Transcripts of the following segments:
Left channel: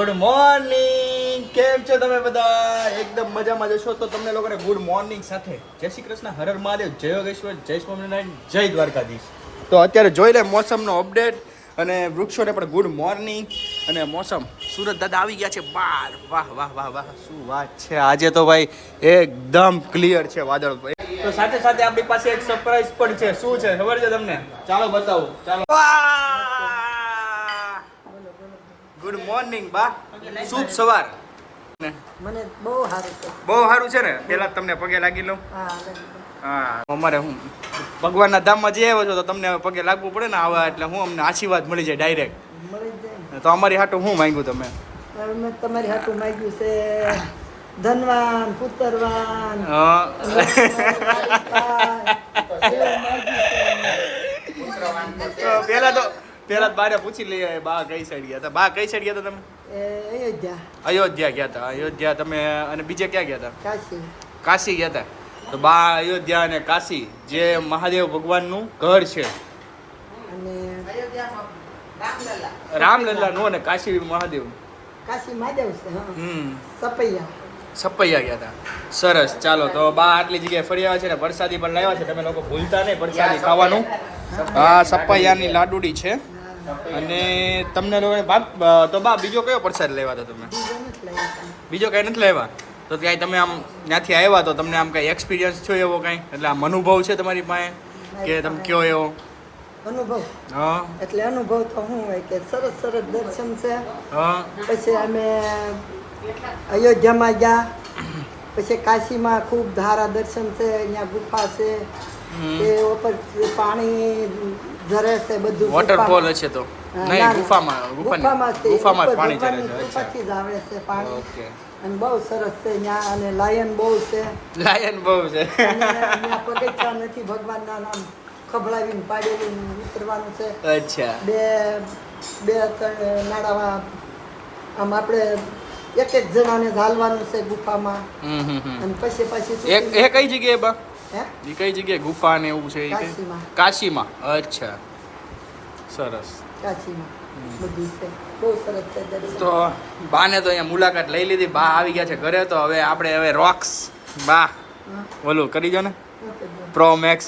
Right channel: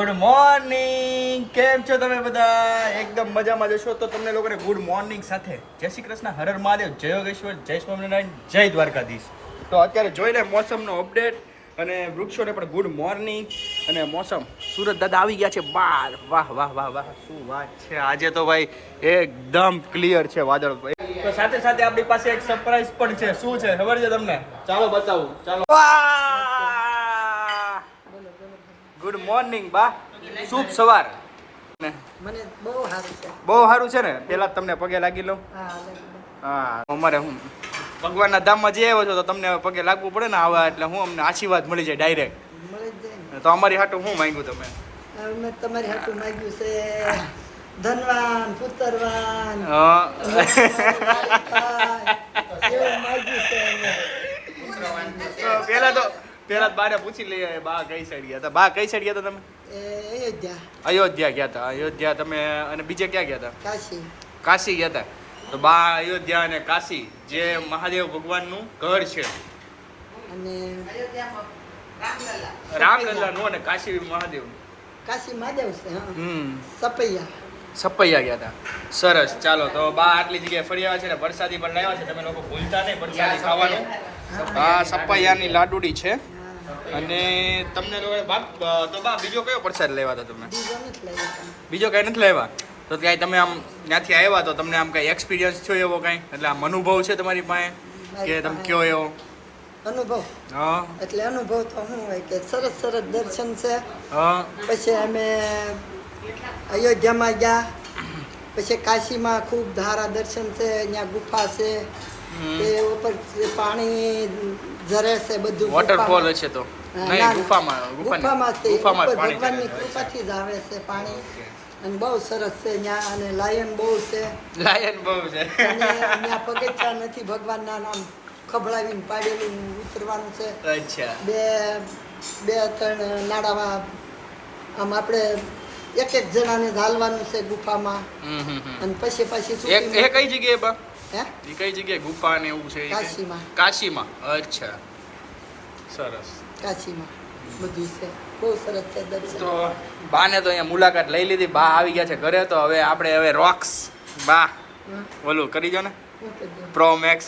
Good morning કેમ છો તમે બધા? એકદમ મજામાં જશો તો તમને લોકોને ગુડ મોર્નિંગ સાથે. જય શ્રી કૃષ્ણ. હરર મહાદેવ. જય યોગેશ્વર. જય સ્વામિનારાયણ. જય દ્વારકાધીશ. તો અત્યારે જોઈ લે મોસમનો અપડેટ અને વૃક્ષોને પણ ગુડ મોર્નિંગ અને મોસમ સુરત દાદા આવી ગયા છે બાર. વાહ વાહ વાહ વાહ. શું વાત છે? આજે તો ભાઈ એકદમ ક્લિયર છે વાદળ. તો સાથે સાથે આપણી પાસે એક સરપ્રાઈઝ પણ છે. શું છે? ખબર છે તમને? ચાલો બતાવું. ચાલો. ગુડ મોર્નિંગ બા. શુભ સવાર. મને બહુ સારું છે. બહુ સારું છે ને? પેલા તમને પગે લાગી લઉં. હા. અમારે હું ભગવાનના ધામમાં જઈ આવ્યો છો તો તમને પગે લાગવું પડે ને આવા એટલે હું અમને આશીર્વાદ મળી જાય ડાયરેક્ટ મળી જાય તો અમારી હાટું હું માંગ્યું તમે? તમારી હાથું માંગ્યું છે ધનવાન પુત્રવાન પેલા તો પેલા બારે પૂછી લઈએ બા કઈ સાઈડ ગયા હતા? બા કઈ સાઈડ ગયા હતા તમે? અયોધ્યા. અયોધ્યા ગયા હતા અયોધ્યા તમે અને બીજે ક્યાં ગયા હતા? કાશી. કાશી ગયા હતા. તો બા અયોધ્યા અને કાશી જે મહાદેવ ભગવાનનું ઘર છે. અને રામલલ્લા નું અને કાશી મહાદેવ. કાશી મહાદેવ છે હમ. સપૈયા. છપૈયા ગયા હતા. સરસ. ચાલો તો બા આટલી જગ્યાએ ફરી આવ્યા છે ને વરસાદી પણ લાવ્યા છે. તમે લોકો ભૂલતા નહીં વરસાદી ખાવાનું. હા સપૈયાની લાડુડી છે. અને તમને લોકોને બાપ તો બા બીજો કયો પ્રસાદ લેવા હતા તમે? બીજો કઈ. નથી લેવા? તો ક્યાંય તમે આમ ત્યાંથી આવ્યા તો તમને આમ કઈ એક્સપિરિયન્સ થયો એવો કાંઈ? એટલે આમ અનુભવ છે તમારી પાસે? કે તમે કયો એવો? અનુભવ. હા. એટલે અનુભવ તો શું હોય કે સરસ સરસ દર્શન છે. હા. પછી અમે અયોધ્યામાં ગયા. પછી કાશીમાં ખૂબ ધારા દર્શન છે અહીંયા ગુફા છે. તે ઉપર પાણી ઝરે છે બધું વોટરફોલ ગુફામાં. તો. નહીં ગુફામાં ગુફામાં ગુફામાં પાણી ચડે છે. કૃપાથી જ આવે છે પાણી. અને બહુ સરસ છે ત્યાં અને લાયન બહુ છે. લાયન બહુ છે. અને ત્યાં પગથિયા નથી ભગવાનના નામ ખભડાવીને પાડેલું ઉતરવાનું છે. અચ્છા. બે બે ત્રણ નાડામાં આમ આપણે એક એક જણાને ઝાલવાનું છે ગુફામાં. અને પછી પછી એક એ કઈ જગ્યાએ બા? એ કઈ જગ્યાએ? ગુફા ને એવું છે કાશીમાં. કાશીમાં? અચ્છા. સરસ. કાશીમાં. બધું છે. બહુ સરસ છે દર્શન. તો બાને તો અહીંયા મુલાકાત લઈ લીધી. બા આવી ગયા છે ઘરે તો હવે આપણે હવે રોક્સ બા ઓલું કરી દો ને. પ્રો મેક્સ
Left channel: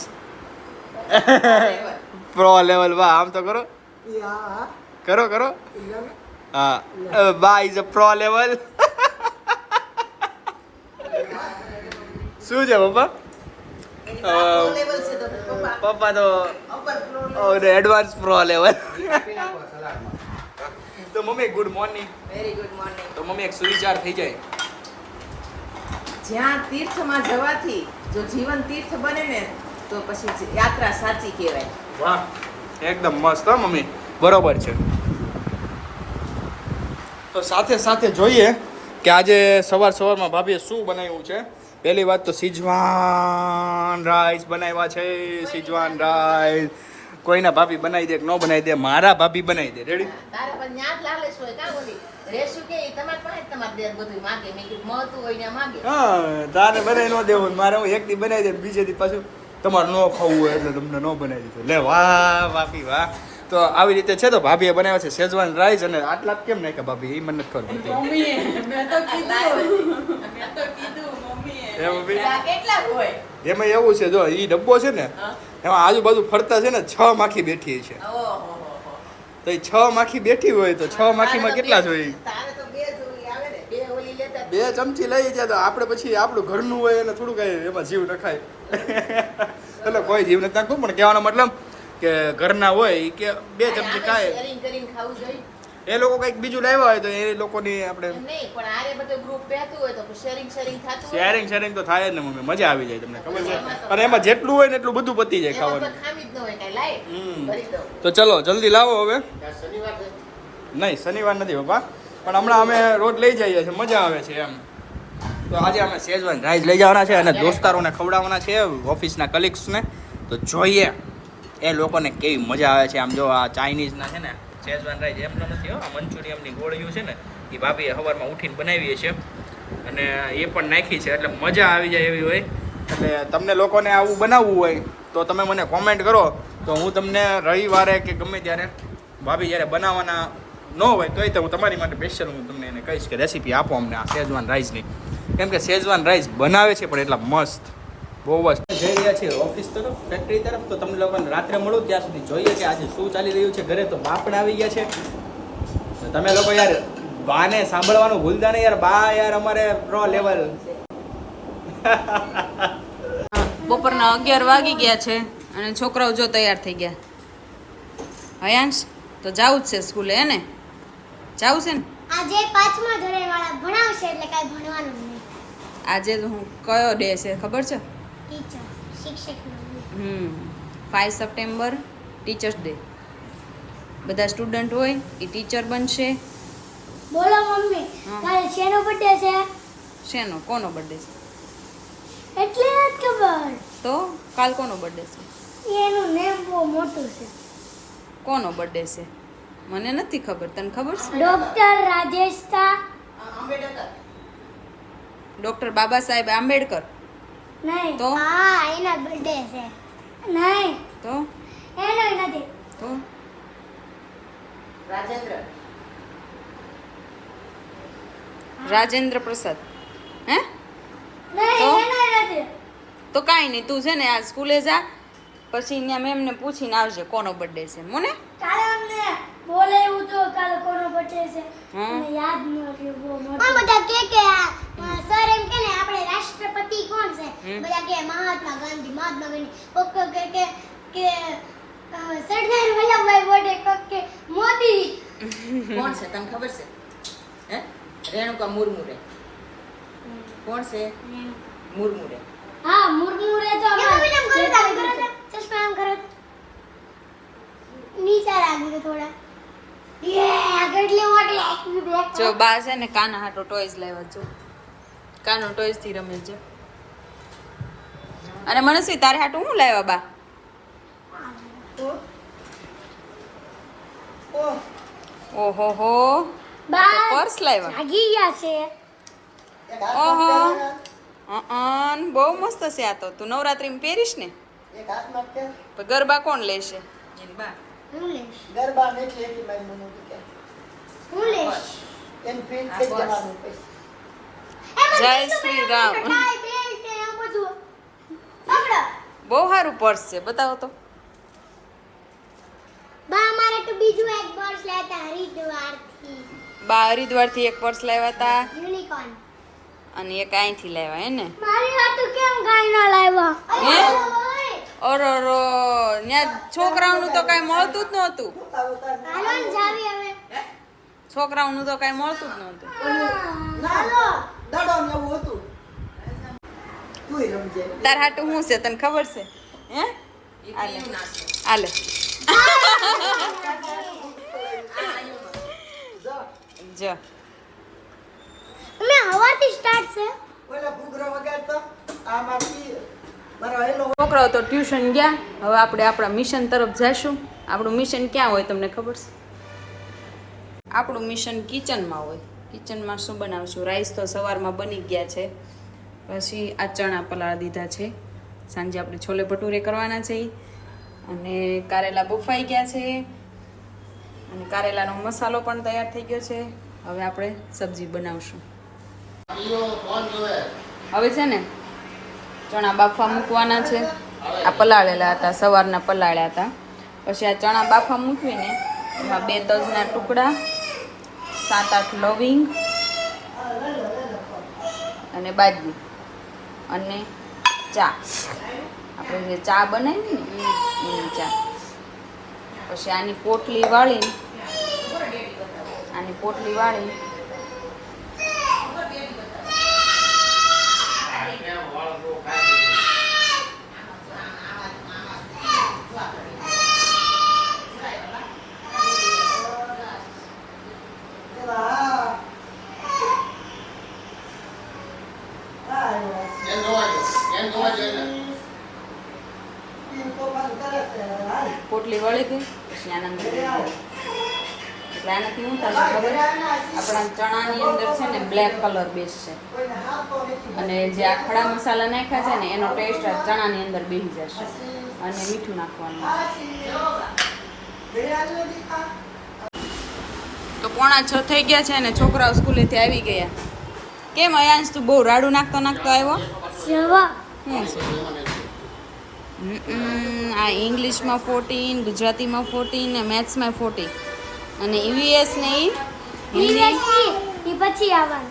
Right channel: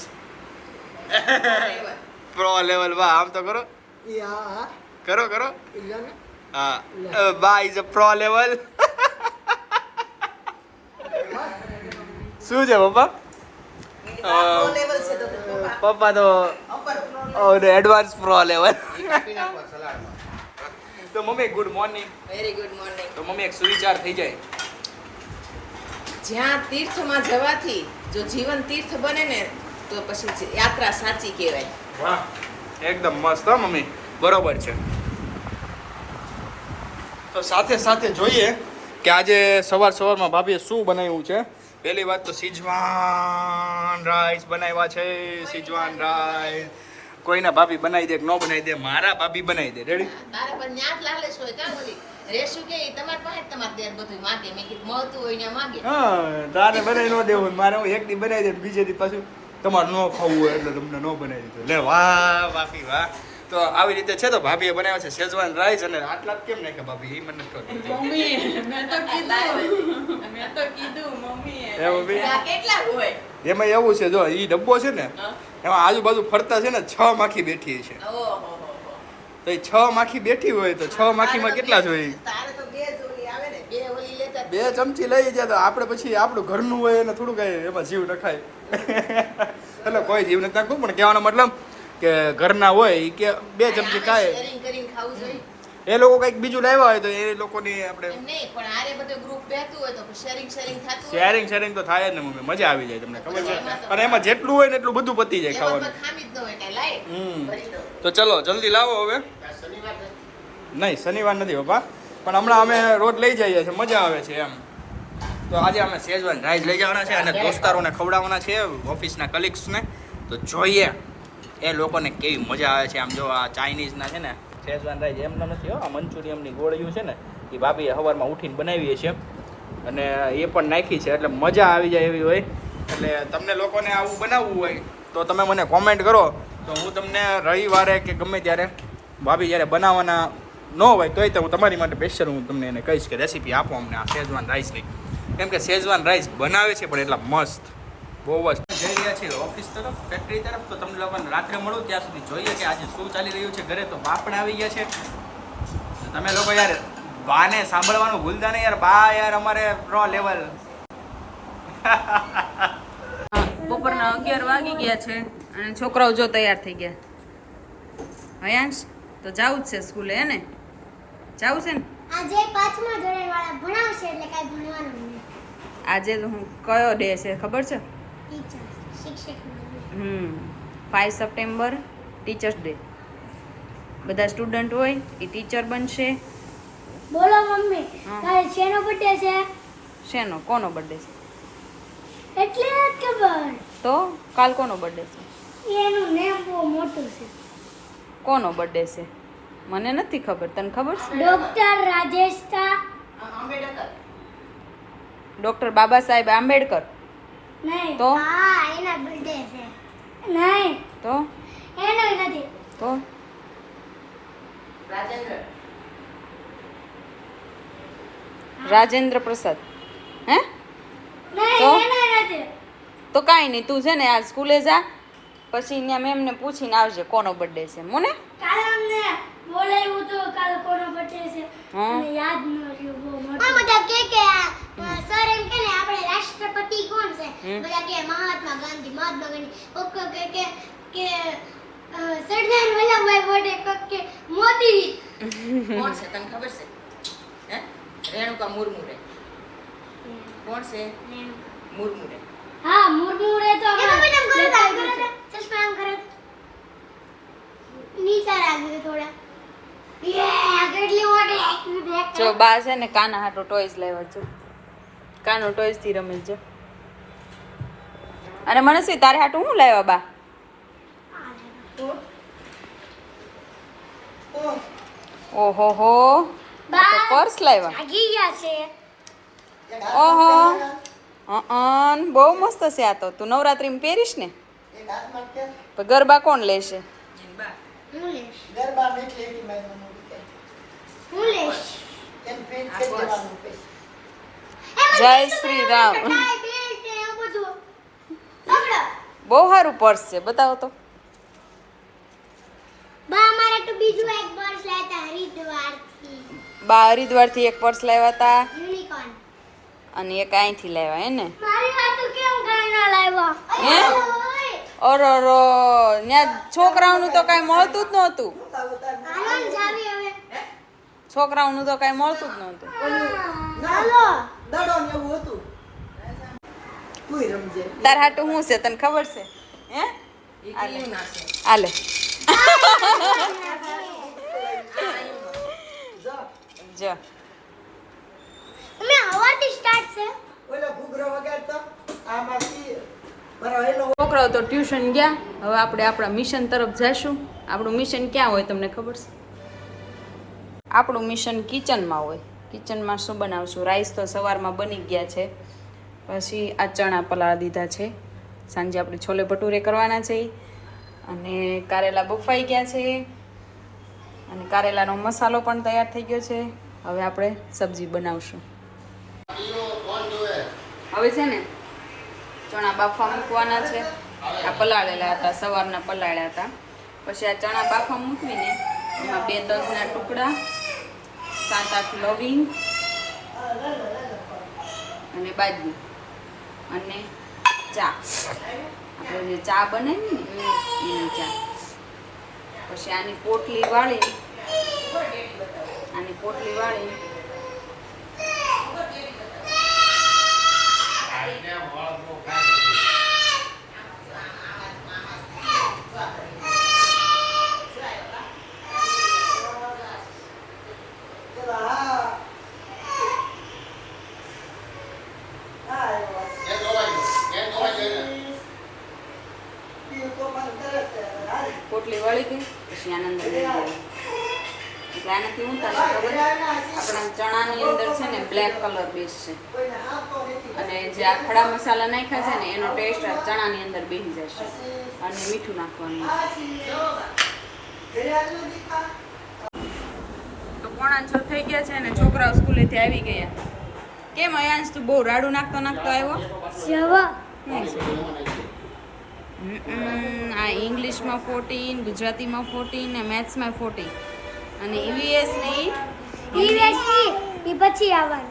પ્રો લેવલ બા આમ તો કરો. કરો કરો. હા. બા ઇઝ અ પ્રો લેવલ શું છે પપ્પા? પપ્પા તો એડવાન્સ પ્રો લેવલ તો mummy good morning very good morning તો મમ્મી એક સુવિચાર થઈ જાય. જ્યાં તીર્થમાં જવાથી જો જીવન તીર્થ બને ને તો પછી યાત્રા સાચી કહેવાય. વાહ. એકદમ મસ્ત હો મમ્મી. બરોબર છે. તો સાથે સાથે જોઈએ કે આજે સવાર સવારમાં ભાભીએ શું બનાવ્યું છે? પહેલી વાત તો સિજવાન રાઈસ બનાવ્યા છે સિજવાન રાઈસ. કોઈના ભાભી બનાવી દે કે ન બનાવી દે મારા ભાભી બનાવી દે. રેડી તારે પણ ન્યાત લાલે લાલેશ કા બોલી રેશુ કે તમાર પાસે તમાર દેર બધું માંગે. મે કે મળતું હોય ને માંગે. હા તારે બનાવી ન દેવું મારે હું એક દી બનાવી દે બીજે દી પાછું તમારે ન ખાવું હોય એટલે તમને ન બનાવી દીધું. લે વાહ ભાભી વાહ. તો આવી રીતે છે તો ભાભીએ બનાવ્યા છે શેઝવાન રાઈસ અને આટલા કેમ નાખ્યા ભાભી? એ મને નથી ખબર. મેં તો કીધું. મેં તો કીધું મમ્મી હે ભાભી કેટલા હોય? એમાં એવું છે જો એ ડબ્બો છે ને એમાં આજુબાજુ ફરતા છે ને છ માખી બેઠી છે. તો એ છ માખી બેઠી હોય તો છ માખીમાં કેટલા જોઈએ બે જ ઓલી આવે ને બે ઓલી લેતા બે ચમચી લઈ જાય તો આપણે પછી આપણું ઘરનું હોય એને થોડું કઈ એમાં જીવ નખાય. એટલે કોઈ જીવ નથી નાખવું પણ કહેવાનો મતલબ કે ઘરના હોય કે બે ચમચી ખાય. શેરિંગ કરીને ખાવું જોઈએ. એ લોકો કંઈક બીજું લાવ્યા હોય તો એ લોકોની આપણે એમ નહીં પણ આરે બધું ગ્રુપ બેતું હોય તો શેરિંગ શેરિંગ થતું હોય. શેરિંગ શેરિંગ તો થાય જ ને મમ્મી. મજા આવી જાય તમને ખબર છે? અને એમાં જેટલું હોય ને એટલું બધું પતી જાય ખાવાનું. કોઈ ખામી જ ન હોય કાંઈ લાય હમ. તો ચલો જલ્દી લાવો હવે. નહીં શનિવાર નથી બાપા પણ હમણાં અમે રોજ લઈ જઈએ છીએ મજા આવે છે એમ. તો આજે અમે સેજવાન રાઈસ લઈ જવાના છે અને દોસ્તારોને ખવડાવવાના છે ઓફિસના કલીગ્સને તો જોઈએ. એ લોકોને કેવી મજા આવે છે? આમ જો આ ચાઇનીઝના છે ને, શેઝવાન રાઈસ એમનો નથી હો, આ મંચુરિયમની ગોળીઓ છે ને, એ ભાભીએ સવારમાં ઉઠીને બનાવીએ છીએ. અને એ પણ નાખી છે, એટલે મજા આવી જાય એવી હોય. એટલે તમને લોકોને આવું બનાવવું હોય, તો તમે મને કોમેન્ટ કરો. તો હું તમને રવિવારે કે ગમે ત્યારે ભાભી જ્યારે બનાવવાના ન હોય, તોય તો હું તમારી માટે સ્પેશિયલ હું તમને એને કહીશ કે રેસીપી આપો અમને આ શેઝવાન રાઈસની. કેમ કે શેઝવાન રાઈસ બનાવે છે, પણ એટલા મસ્ત. બહુ જ. જઈ રહ્યા છીએ ઓફિસ તરફ ફેક્ટરી તરફ. તો તમને લોકોને રાત્રે મળું ત્યાં સુધી જોઈએ કે આજે શું ચાલી રહ્યું છે ઘરે. તો બાપડ આવી ગયા છે. તો તમે લોકો યાર બાને સાંભળવાનું ભૂલતા નહીં યાર. બા યાર અમારે પ્રો લેવલ બપોરના અગિયાર વાગી ગયા છે અને છોકરાઓ જો તૈયાર થઈ ગયા. હયાંશ તો જાવું જ છે સ્કૂલે હે ને? જાવું છે ને? આજે પાંચમા ધોરણ વાળા ભણાવશે એટલે કાંઈ ભણવાનું નહીં. આજે તો હું કયો ડે છે ખબર છે? હમ ફાઈવ સપ્ટેમ્બર ટીચર્સ ડે બધા સ્ટુડન્ટ હોય એ ટીચર બનશે. બોલો મમ્મી હા. કાલે શેનો બર્થડે છે? શેનો? કોનો બર્થડે છે? એટલે જ ખબર. તો કાલ કોનો બર્થડે છે? એનું નેમ બહુ મોટું છે. કોનો બર્થડે છે? મને નથી ખબર તને ખબર છે? ડોક્ટર રાજેશ આંબેડકર. ડૉક્ટર બાબા સાહેબ આંબેડકર. નહીં. તો? હા એના બર્થડે છે. નહીં. તો? એનો નથી. તો? રાજેન્દ્ર. રાજેન્દ્ર પ્રસાદ. હે? તો? એનો નથી. તો કાંઈ નહીં તું છે ને આ સ્કૂલે જા પછી ત્યાં મેમને પૂછીને આવજે કોનો બર્થડે છે મને? કાલે અમને બોલાવ્યું તો કાલે કોનો બર્થડે છે. મને યાદ ન રહ્યું બહુ મોટો. બધા કે કે સર એમ કે ને આપણે રાષ્ટ્રપતિ કોણ છે? બધા કે મહાત્મા ગાંધી મહાત્મા ગાંધી. કોક કે કે કે સરદાર વલ્લભભાઈ પટેલ કોક કે મોદી. કોણ છે? તને ખબર છે? હે? રેણુકા મુર્મુરે. કોણ છે? મુર્મુરે. હા મુર્મુ રે તો આપણે ચશ્મા આમ કરો. નીચે લાગ્યું થોડા. જો બા છે ને કાના હાટો ટોયસ લાવ્યા જો. કાનો ટોયસથી રમે છે. અને મનસ્વી તારે હાટું હું લાવ્યા બા? ઓહો હો. પર્સ લાવ્યા. જાગી ગયા છે. ઓહો. અન બહુ મસ્ત છે આ તો. તું નવરાત્રીમાં પહેરીશ ને? ગરબા કોણ લેશે? ગરબા હું લઈશ એમ પેન્ટ કરી દેવાનું પછી જય શ્રી રામ. બહુ સારું પર્સ છે બતાવો તો. બા હરિદ્વારથી એક પર્સ લાવ્યા હતા અને એક અહીંથી લાવ્યા હે ને? મારી હાટુ કેમ કાઈ ના લાવ્યા? હે? ઓરો રો ત્યાં છોકરાઓનું તો કાંઈ મળતું જ નહોતું. છોકરાઓનું તો કાંઈ મળતું જ નહોતું. દડો ને એવું હતું. તુંય રમજે. તાર હાટું શું છે? તને ખબર છે? હે? આલે જો. મે હવાથી સ્ટાર્ટ છે. ઓલો ઘૂઘરો વગાડતો આમાંથી મારો છોકરાઓ તો ટ્યુશન ગયા. હવે આપણે આપણા મિશન તરફ જઈશું આપણું મિશન ક્યાં હોય તમને ખબર છે? આપણું મિશન કિચનમાં હોય. કિચનમાં શું બનાવશું? રાઈસ તો સવારમાં બની ગયા છે. પછી આ ચણા પલાળ દીધા છે. સાંજે આપણે છોલે ભટુરે કરવાના છે. અને કારેલા બફાઈ ગયા છે. અને કારેલાનો મસાલો પણ તૈયાર થઈ ગયો છે. હવે આપણે સબ્જી બનાવશું. હવે છે ને, ચણા બાફા મૂકવાના છે. આ પલાળેલા હતા, સવારના પલાળ્યા હતા. પછી આ ચણા બાફવા મૂકવીને એમાં બે તજના ટુકડા સાત આઠ લવિંગ અને બાજરી અને ચા. આપણે જે ચા બનાવી ને એની ચા. પછી આની પોટલી વાળી આની પોટલી વાળી હા હા ઈ તો વાત કરે છે હાલ પોટલી વળી ગયું. એટલે આનાથી હું તમને ખબર આપણા ચણાની અંદર છે ને બ્લેક કલર બેસશે અને જે આ ખડા મસાલા નાખ્યા છે ને એનો ટેસ્ટ ચણાની અંદર બેસી જશે અને મીઠું નાખવાનું. તો પોણા છ થઈ ગયા છે અને છોકરાઓ સ્કૂલેથી આવી ગયા. કેમ અયાંશ તું બહુ રાડું નાખતો નાખતો આવ્યો હમ, આ ઇંગ્લિશમાં ફોર્ટીન ગુજરાતીમાં ફોર્ટીન ને મેથ્સમાં ફોર્ટીન અને ઈવીએસ ને ઈ? એ પછી આવવાનું.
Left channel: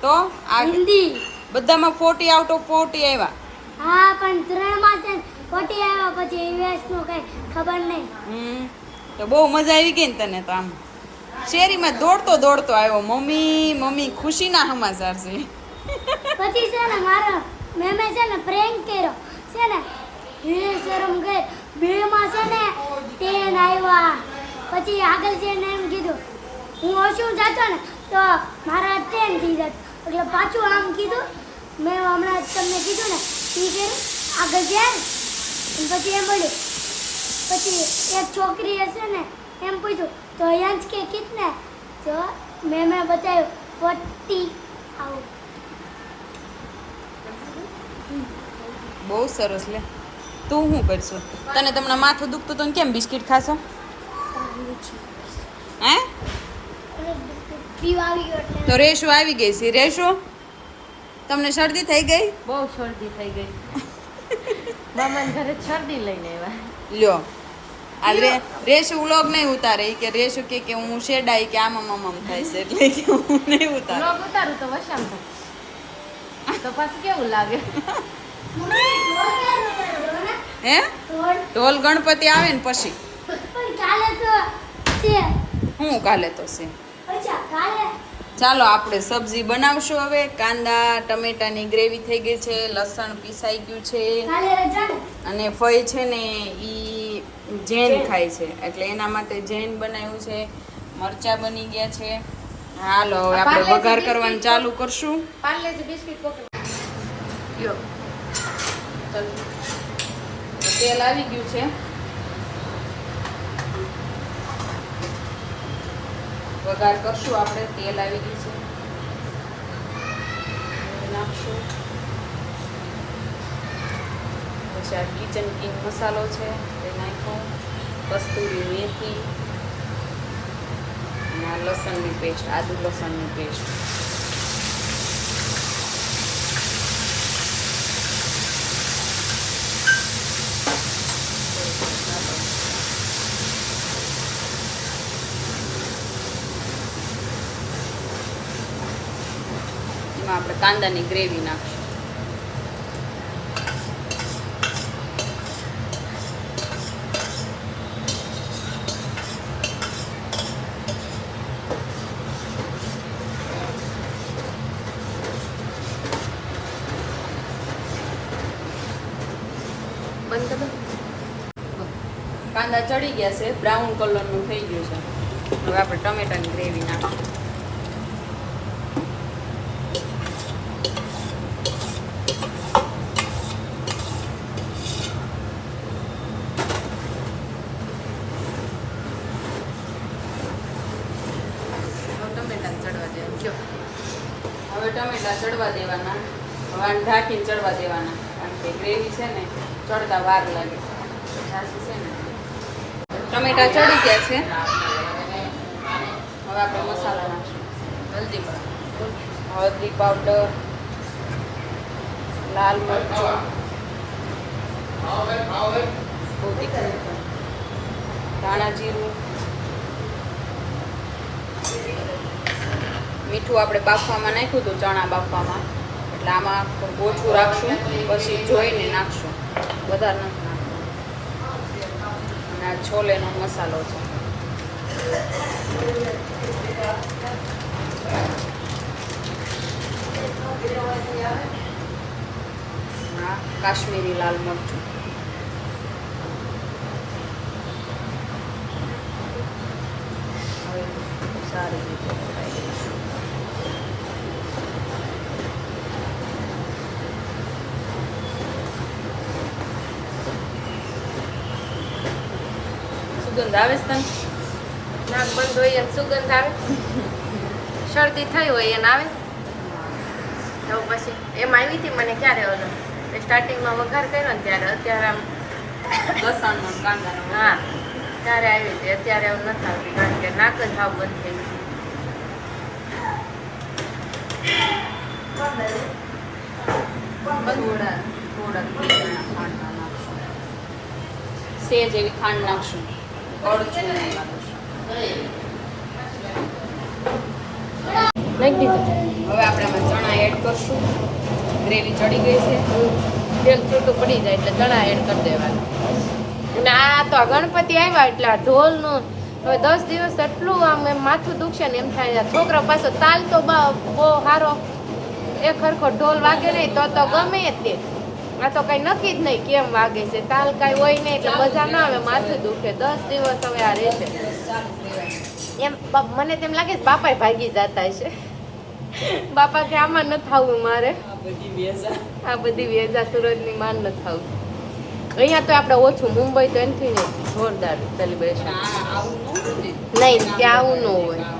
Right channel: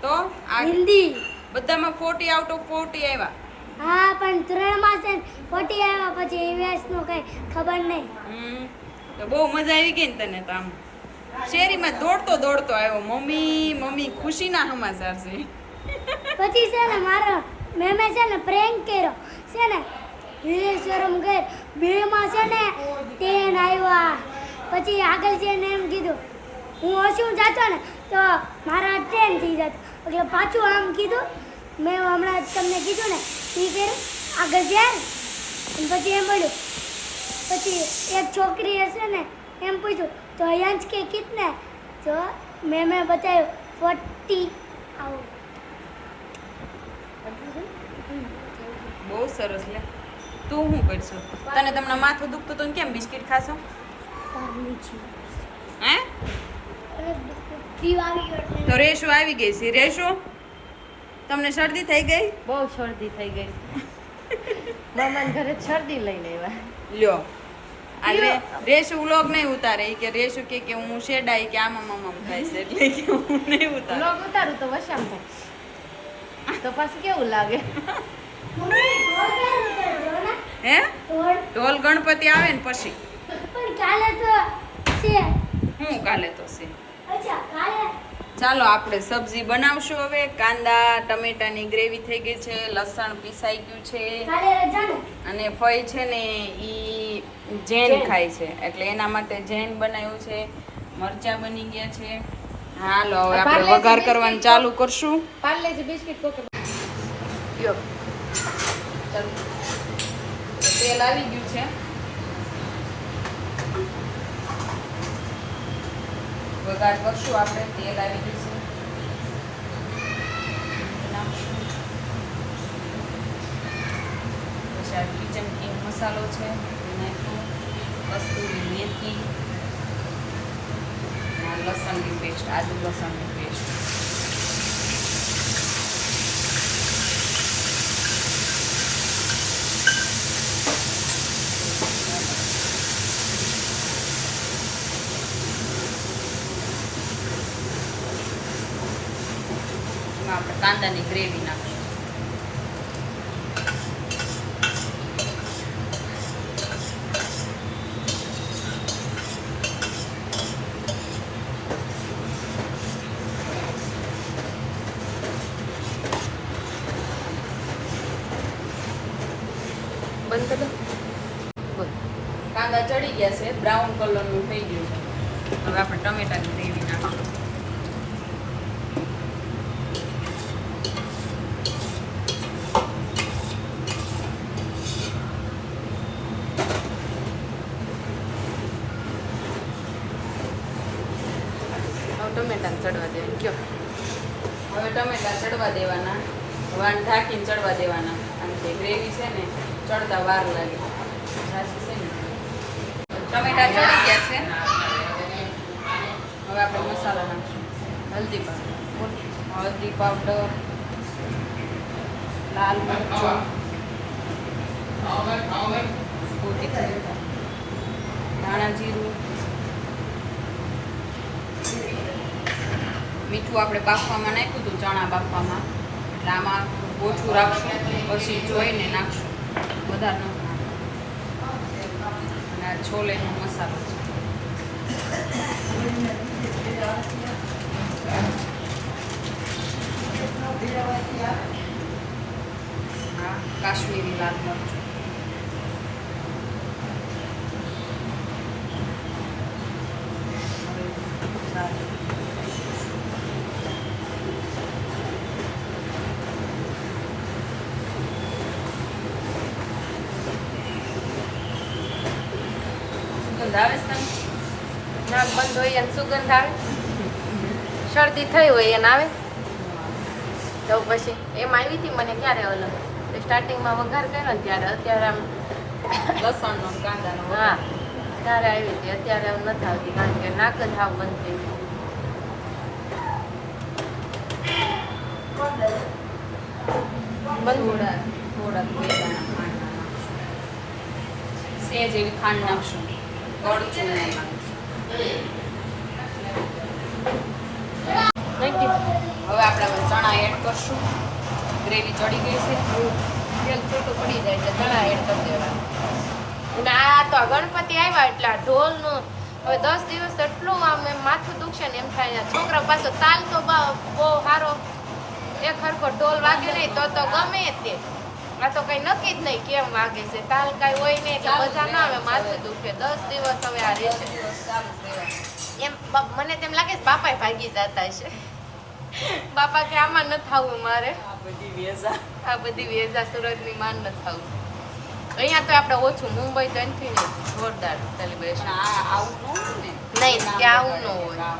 તો આ હિન્દી. બધામાં ફોર્ટી આઉટ ઓફ ફોર્ટી આવ્યા. હા પણ ત્રણમાં છે ફોર્ટી આવ્યા પછી ઈવીએસનું કઈ ખબર નહીં. હમ, તો બહુ મજા આવી ગઈ ને તને તો આમ. શેરીમાં દોડતો દોડતો આવ્યો. મમ્મી મમ્મી ખુશીના સમાચાર છે. પછી છે ને મારો મેમે છે ને પ્રેન્ક કર્યો. છે ને શરમ ગઈ બેમાં છે ને ટ્રેન આવ્યા. પછી આગળ જઈને એમ કીધું, હું ઓછું જતો ને, તો મારા ટ્રેન થઈ જતો. એટલે પાછું આમ કીધું, મેં હમણાં તમને કીધું ને એ કર્યું? આગળ જાય પછી એમ બોલ્યું, પછી એક છોકરી હશે ને, એમ પૂછ્યું, તો યંશ કે કિતને? તો મેં મેં બતાવ્યું, ફોર્ટી આવું બહુ સરસ લે. તું શું કરશું? તને તમને માથું દુખતું હતું ને કેમ બિસ્કિટ ખાશો? હે? તો રેશુ આવી ગઈ છે. રેશુ તમને શરદી થઈ ગઈ? બહુ શરદી થઈ ગઈ મામાને ઘરે શરદી લઈને આવ્યા. લ્યો આ રે- રેશુ વ્લોગ નહીં ઉતારે. કે રેશુ કે કે હું શેડાઈ કે આમાં મમમ થાય છે. એટલે કે હું નહીં ઉતાર. વ્લોગ ઉતારું તો વશામ થાય. તો પાછું કેવું લાગે? હે? ઢોલ ગણપતિ આવે ને પછી. કાલે તો છે. હું કાલે તો છે. ચાલો આપણે સબ્જી બનાવશું હવે. કાંદા ટમેટાની ગ્રેવી થઈ ગઈ છે લસણ પીસાઈ ગયું છે. અને ફઈ છે ને એ જૈન ખાય છે. એટલે એના માટે જૈન બનાવ્યું છે. મરચા બની ગયા છે. હાલો હવે આપણે વઘાર કરવાનું ચાલુ કરશું. પાર્લેજી બિસ્કિટ કોક યો. તેલ આવી ગયું છે વઘાર કરશું આપણે તેલ આવી ગયું છે નાખશું. પછી આ કિચન કિંગ મસાલો છે એ નાખ્યો કસ્તુરી મેથી અને આ લસણની પેસ્ટ આદુ લસણની પેસ્ટ એમાં આપણે કાંદાની ગ્રેવી નાખીશું બંધ કરો કાંદા ચડી ગયા છે બ્રાઉન કલરનું થઈ ગયું છે. હવે આપણે ટમેટાની ગ્રેવી નાખીશું હવે ટમેટાને ચડવા દેવાનું કયો. હવે ટમેટા ચડવા દેવાના વાન ઢાંકીને ચડવા દેવાના. કારણ કે ગ્રેવી છે ને ચડતા વાર લાગે. છે ને? ટમેટા ચડી ગયા છે. હવે આપણે મસાલો નાખશું. હલ્દી પાવડર. હળદી પાવડર લાલ મરચું. ધાણા જીરું મીઠું આપણે બાફવામાં નાખ્યું હતું ચણા બાફવામાં. એટલે આમાં ઓછું રાખશું, પછી જોઈને નાખશું. વધારે અને આ છોલેનો મસાલો છે. કાશ્મીરી લાલ મરચું. સુગંધ આવે છે? નાક બંધ હોય એને સુગંધ આવે? શરદી થઈ હોય એને આવે? તો પછી એમાં આવી હતી મને ક્યારે ઓલો? સ્ટાર્ટિંગમાં વઘાર કર્યો ને ત્યારે અત્યારે આમ લસણનો કાંદાનો હા ત્યારે આવી હતી. અત્યારે એવું નથી આવતી કારણ કે નાક જ હાવ બંધ થઈ ગયું સેજ એવી ખાંડ નાખશું. હવે આપણે ચણા એડ કરશું. ગ્રેવી ચડી ગઈ છે. તેલ થોડું પડી જાય એટલે ચણા એડ કરી દેવાનું. ને આ તો ગણપતિ આવ્યા એટલે આ ઢોલનું હવે દસ દિવસ એટલું આમ એમ માથું દુખશે ને એમ થાય છોકરો પાછો તાલ તો બહુ સારો એક ખરખો ઢોલ વાગે નહીં તો તો ગમે તે. આ તો કઈ નક્કી જ નહીં કેમ વાગે છે તાલ કઈ હોય નહીં એટલે મજા ના આવે માથું દુખે દસ દિવસ હવે આ રહેશે. એમ મને તેમ લાગે છે બાપા ભાગી જતા છે બાપા કે આમાં ન થવું મારે. આ બધી વેઝા આ બધી સુરતની માન નથી થવું. અહીંયા તો આપણે ઓછું મુંબઈ તો એનથી જોરદાર સેલિબ્રેશન આ આવું ન હોય ને. નહીં, ત્યાં આવું ન હોય. ના,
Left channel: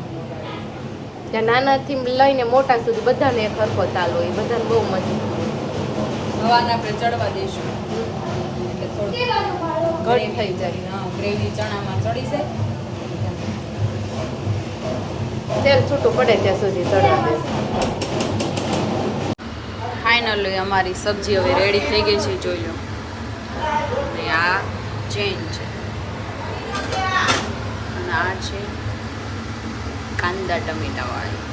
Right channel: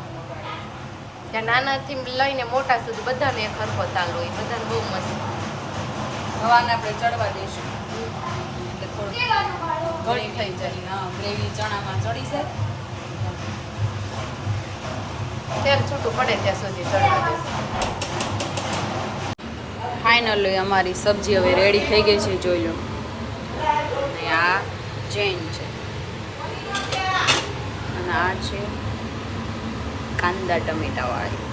ત્યાં નાનાથી લઈને મોટા સુધી બધાને એક સરખો ચાલુ હોય બધાને બહુ મસ્ત. હવાને આપણે ચડવા દઈશું. એટલે થોડું ઘણી થઈ જાય. હા ગ્રેવી ચણામાં ચડી જાય. તેલ છૂટું પડે ત્યાં સુધી ચડવા ફાઇનલી અમારી સબ્જી હવે રેડી થઈ ગઈ છે, જોઈ લો. આ ચેન છે. અને આ છે કાંદા ટમેટા વાળી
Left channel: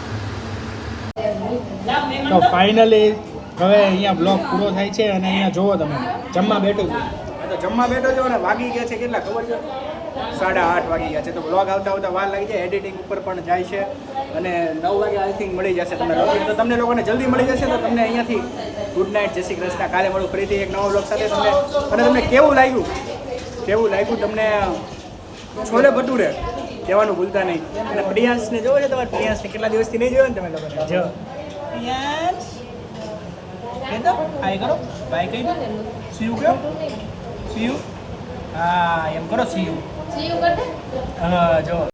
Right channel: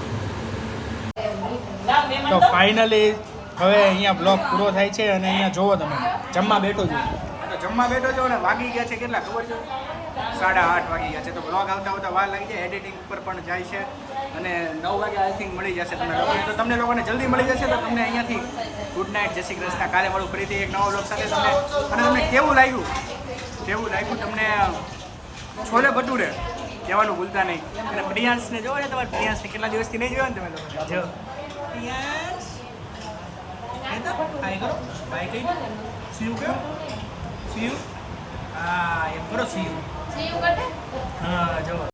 તો ફાઇનલી હવે અહીંયા બ્લોગ પૂરો થાય છે અને અહીંયા જુઓ તમે જમવા બેઠો છો. આ તો જમવા બેઠો છો અને વાગી ગયા છે કેટલા ખબર છે? સાડા આઠ વાગી ગયા છે. તો બ્લોગ આવતા આવતા વાર લાગી જાય એડિટિંગ ઉપર પણ જાય છે. અને નવ વાગે આઈ થિંક મળી જશે તમને લોકોને. તો તમને લોકોને જલ્દી મળી જશે તો તમને અહીંયાથી ગુડ નાઇટ જય શ્રી કૃષ્ણ. કાલે મળું ફરીથી એક નવો બ્લોગ સાથે તમને. અને તમને કેવું લાગ્યું? કેવું લાગ્યું તમને? છોલે ભટુરે? કહેવાનું ભૂલતા નહીં. અને પ્રિયાંશને જોવો છે તમારે? પ્રિયાંશને કેટલા દિવસથી નહીં જોયો ને તમે લોકોને? જો પ્રિયાંશ? કહી દો હાય કરો. બાય કહી દો સીયુ કયો સીયુ હા એમ કરો. You, good. હા જો